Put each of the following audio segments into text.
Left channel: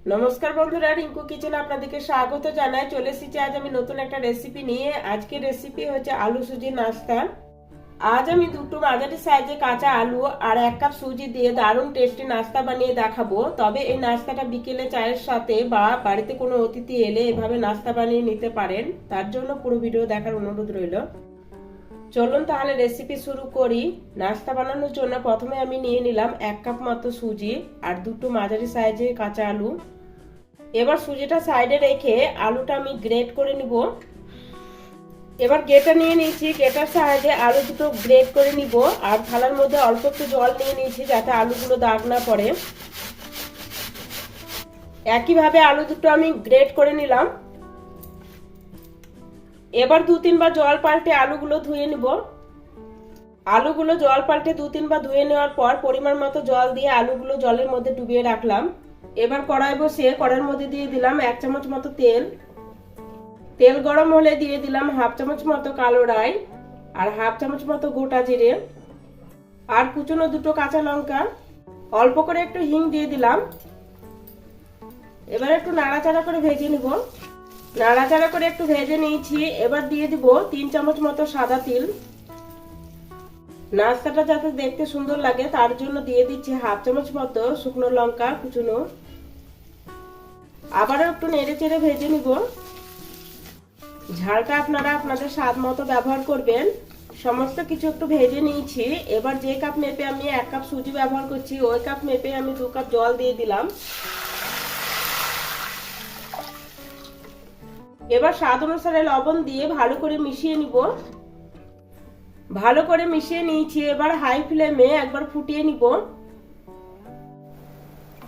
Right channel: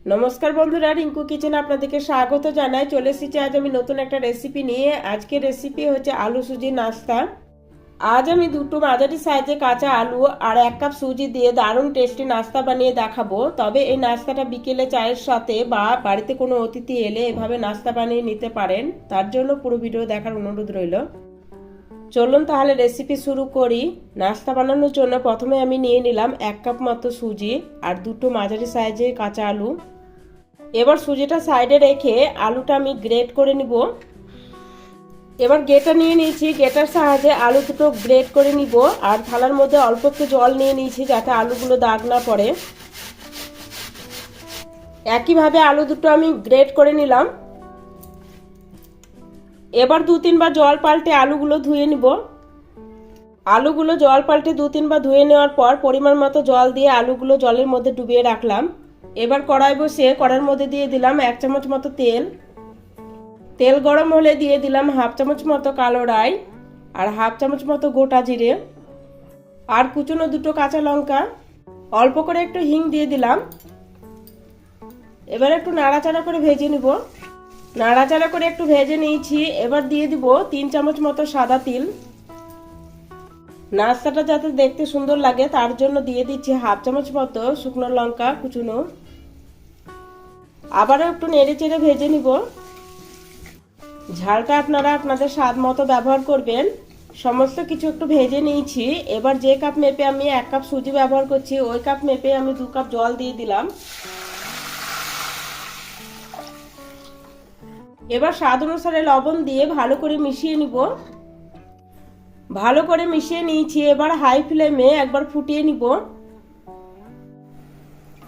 নমস্কার বন্ধুরা, রিঙ্কু কিচেনে আপনাদেরকে স্বাগত জানাই। চলে এসেছি আজ আমি নতুন একটা রেসিপি নিয়ে। আজকের রেসিপি হচ্ছে আলু সুজি নাস্তা। আজ আমি দুটো মাঝারি সাইজে কাঁচা আলু আর 1 কাপ সুজি দিয়ে দারুণ টেস্টি নাস্তা বানিয়ে দেখাবো। তবে এই নাস্তাটা বিকেলে চায়ের সাথে বা বাড়িতে কোনো অতিথি এলে এভাবে নাস্তা বানিয়ে নিতে পারেন। তার জন্য পুরো ভিডিও দেখার অনুরোধ রইল। চলুন তাহলে রেসিপি শুরু করি। নাস্তা বানানোর জন্য প্রথমে আমি নিয়ে নিলাম 1 কাপ মতো সুজি আর দুটো মাঝারি সাইজে কাঁচা আলু। এবার সুজিটা সাইডে রেখে আলুটা আমি গ্রেট করে নিব। এবার গ্রেটার নিয়ে নিয়েছি, গ্রেটার সাহায্যে আলু দুটো গ্রেট করে নিব। আর থালার মধ্যে অল্প একটু জল নিয়ে নিয়েছি যাতে আলুগুলো দাগ না পড়ে। একইভাবে আলু দুটো আমি গ্রেট করে নিলাম। এবার 2-3 বার জল পাল্টে আলুগুলো ধুয়ে নিব। আলুগুলো জল পাল্টে 2-3 বার ধুয়ে নেওয়ার পর পরিমাণ মতো জল দিয়ে আলুগুলো জলের মধ্যে ডুবিয়ে রাখলাম। এবার কড়াই বসিয়ে কড়াইয়ের মধ্যে দিয়ে দিলাম 1 চামচ মতো তেল। তেল গরম হলে দিয়ে দিলাম 1/2 চামচ মতো কালো রাই আর 1/2 চামচ মতো গোটা জিরে আর কুচনো দুটো কাঁচা লঙ্কা। অল্প করে একটু হিং দিয়ে দিলাম। এবার একটু নাড়াচাড়া করে ভেজে নিব। নাড়াচাড়া করে একটু ভেজে নিয়েছি। এবার দিয়ে দিব 3 চামচ মতো সাদা তিল। নাস্তাটা যাতে দেখতে সুন্দর লাগে তার জন্য দিয়ে দিচ্ছি 1/2 চামচ মতো শুকনো লঙ্কা কুচনো। আবারও একটু নেড়ে চেড়ে ভেজে নিব। ঝালটা আপনারা আপনাদের স্বাদ মতো ব্যবহার করবেন। সমস্ত কিছু একটু ভেজে নিয়েছি। এবার যে কাপ মেপে আমি 1 কাপ সুজি ব্যবহার করছি ওই কাপ মেপে আমি 2 কাপ জল দিয়ে দিলাম। এবার স্বাদ অনুসারে লবণ দিয়ে ভালো করে মিশিয়ে নিব। ভালো করে মিশিয়ে নিয়েছি। এবার হাই ফ্লেমে একবার ফুটিয়ে নিব।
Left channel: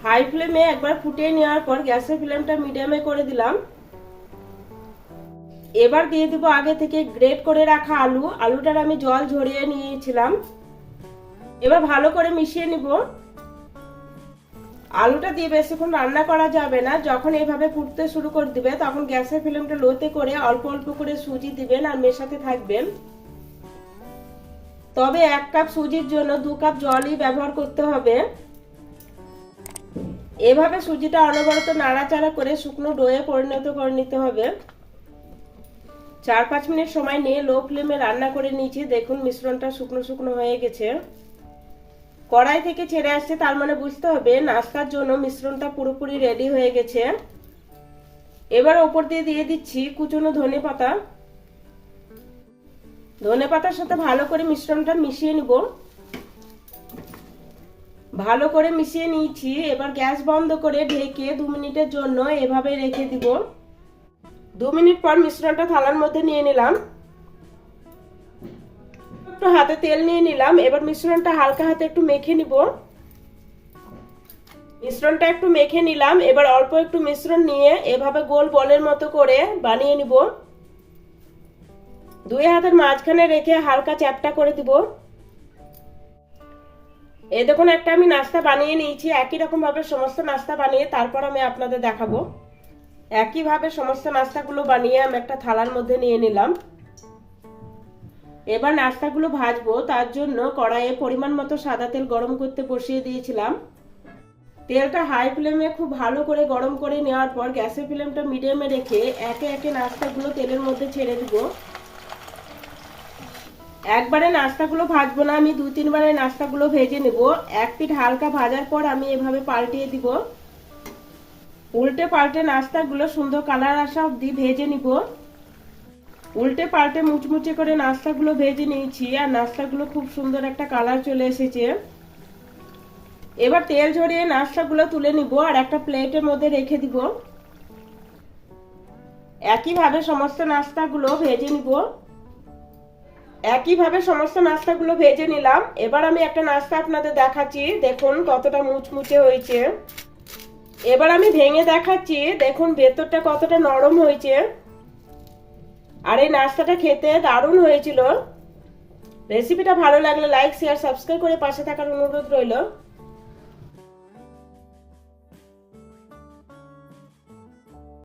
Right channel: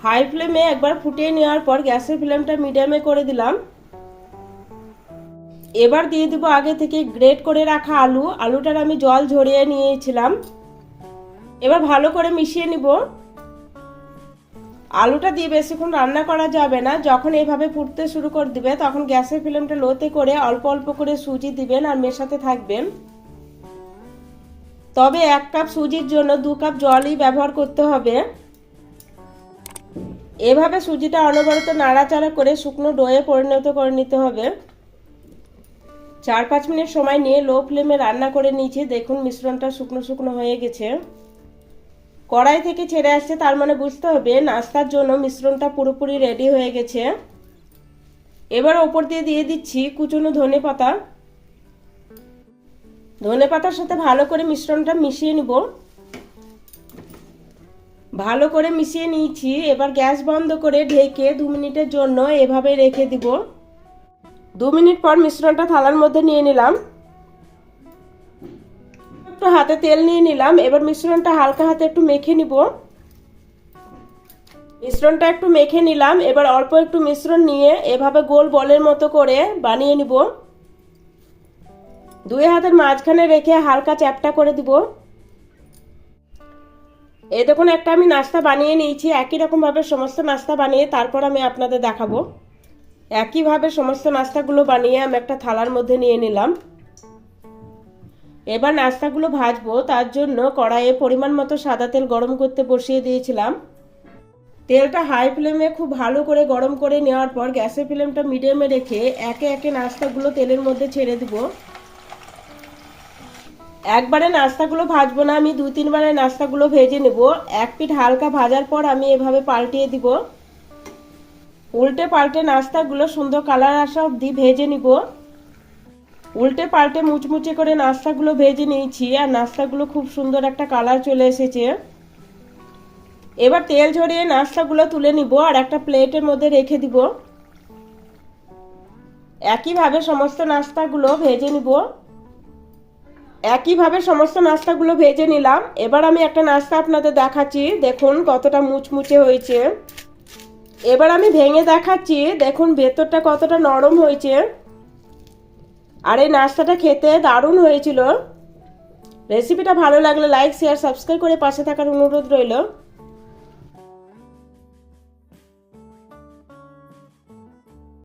হাই ফ্লেমে একবার ফুটিয়ে নেওয়ার পর গ্যাসের ফ্লেমটা মিডিয়ামে করে দিলাম। এবার দিয়ে দিব আগে থেকে গ্রেট করে রাখা আলু। আলুটার আমি জল ঝরিয়ে নিয়েছিলাম। এবার ভালো করে মিশিয়ে নিব। আলুটা দিয়ে বেশিক্ষণ রান্না করা যাবে না। যখন এইভাবে ফুটতে শুরু করে দিবে তখন গ্যাসের ফ্লেমটা লোতে করে অল্প অল্প করে সুজি দিবেন আর মেশাতে থাকবেন। তবে 1 কাপ সুজির জন্য 2 কাপ জলই ব্যবহার করতে হবে। এভাবে সুজিটা অনবরত নাড়াচাড়া করে শুকনো ডোয়ে পরিণত করে নিতে হবে। 4-5 মিনিট সময় নিয়ে লো ফ্লেমে রান্না করে নিয়েছি। দেখুন মিশ্রণটা শুকনো শুকনো হয়ে গেছে। কড়াই থেকে ছেড়ে আসছে, তার মানে বুঝতে হবে নাস্তার জন্য মিশ্রণটা পুরোপুরি রেডি হয়ে গেছে। এবার ওপর দিয়ে দিয়ে দিচ্ছি কুচনো ধনেপাতা। ধনেপাতার সাথে ভালো করে মিশ্রণটা মিশিয়ে নিব। ভালো করে মিশিয়ে নিয়েছি। এবার গ্যাস বন্ধ করে ঢেকে 2 মিনিটের জন্য এভাবে রেখে দিব। 2 মিনিট পর মিশ্রণটা থালার মধ্যে নিয়ে নিলাম। একটু হাতে তেল নিয়ে নিলাম। এবার মিশ্রণটা হালকা হাতে একটু মেখে নিব। মিশ্রণটা একটু মেখে নিলাম। এবার অল্প একটু মিশ্রণ নিয়ে এভাবে গোল বলের মতো করে বানিয়ে নিব। 2 হাতের মাঝখানে রেখে হালকা চ্যাপটা করে দিব। এই দেখুন একটা আমি নাস্তা বানিয়ে নিয়েছি। একই রকম ভাবে সমস্ত নাস্তা বানিয়ে তারপর আমি আপনাদের দেখাবো। একইভাবে সমস্ত নাস্তাগুলো বানিয়ে আমি একটা থালার মধ্যে নিয়ে নিলাম। এবার নাস্তাগুলো ভাজবো। তার জন্য কড়াইয়ে পরিমাণ মতো সাদা তেল গরম করতে বসিয়ে দিয়েছিলাম। তেলটা হাই ফ্লেমে খুব ভালো করে গরম করে নেওয়ার পর গ্যাসের ফ্লেমটা মিডিয়ামে রেখে একে একে নাস্তাগুলো তেলের মধ্যে ছেড়ে দিব। একবারে নাস্তাগুলো ভাজবো না, আমি 2-3 বারে নাস্তাগুলো ভেজে নেব। এক পিঠ হালকা ভাজার পর আমি এভাবে পাল্টিয়ে দিব। উল্টে পাল্টে নাস্তাগুলো সুন্দর কালার আসা অবধি ভেজে নিব। উল্টে পাল্টে মুচমুচে করে নাস্তাগুলো ভেজে নিয়েছি আর নাস্তাগুলো খুব সুন্দর একটা কালার চলে এসেছে। এবার তেল ঝরিয়ে নাস্তাগুলো তুলে নিব আর একটা প্লেটের মধ্যে রেখে দিব। একইভাবে সমস্ত নাস্তাগুলো ভেজে নিব। একইভাবে সমস্ত নাস্তাগুলো ভেজে নিলাম। এবার আমি একটা নাস্তা আপনাদের দেখাচ্ছি। দেখুন কতটা মুচমুচে হয়েছে। এবার আমি ভেঙে দেখাচ্ছি। দেখুন ভেতরটা কতটা নরম হয়েছে। আর এই নাস্তাটা খেতে দারুণ হয়েছিল। রেসিপিটা ভালো লাগলে লাইক শেয়ার সাবস্ক্রাইব করে পাশে থাকার অনুরোধ রইল।